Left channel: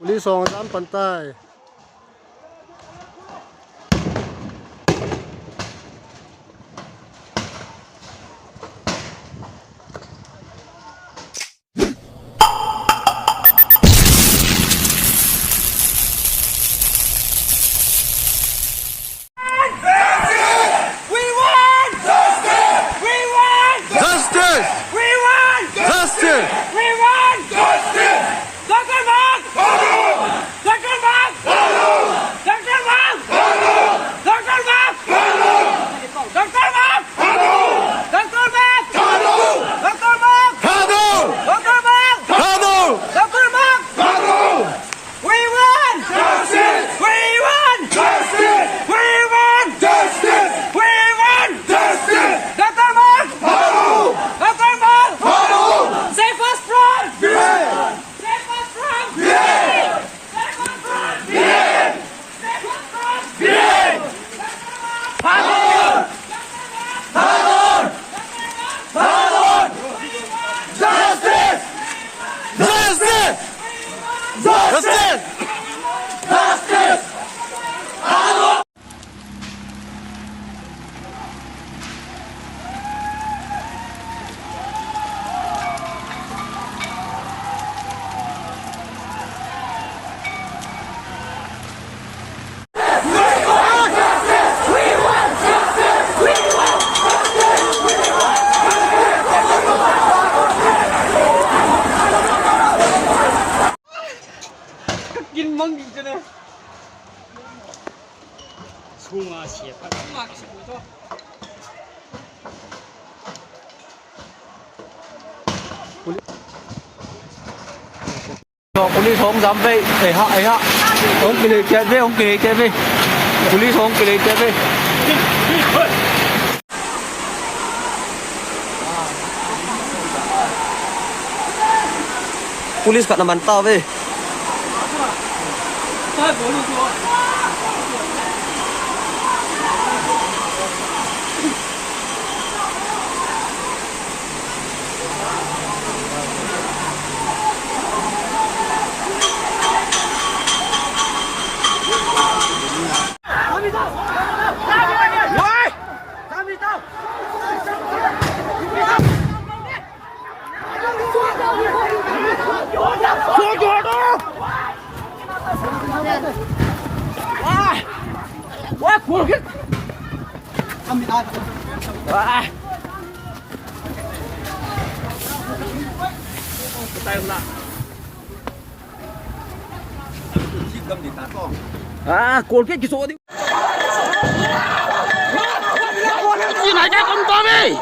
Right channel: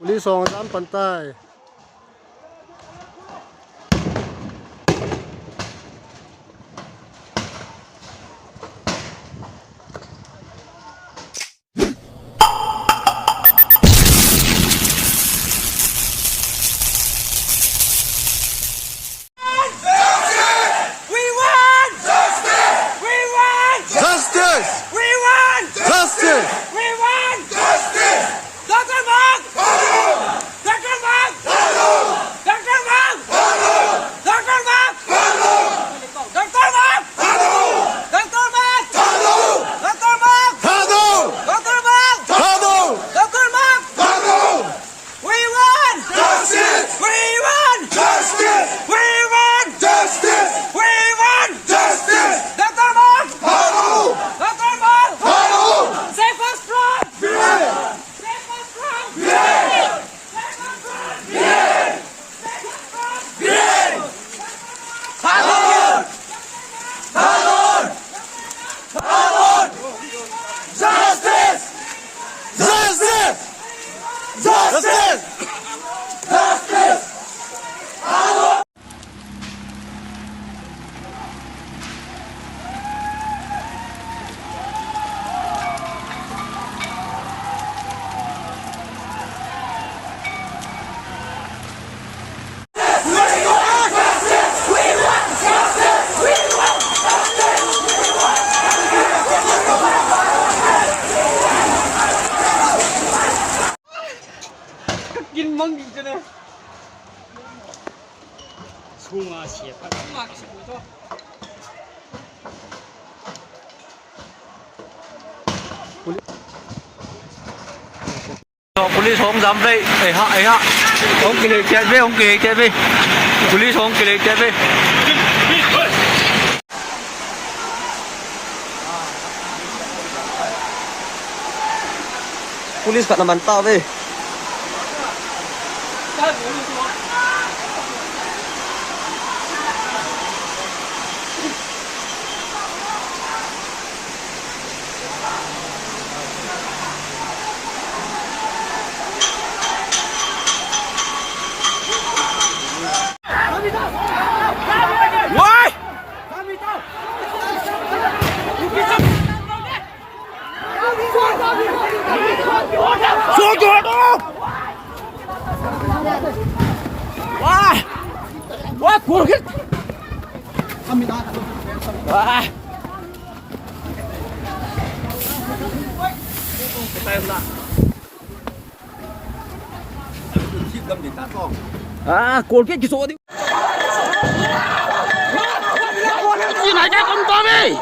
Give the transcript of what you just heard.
Police 2 pantay. Police không dám vậy, ấy hạ, ông kì lệ chết với, ông kì lệ chết với, police không kì lệ chết với. Police kat naman tao với. Wah, kurang. Kami dah. Wah. Cồn kết cái số đi. Gì này cái con to đi.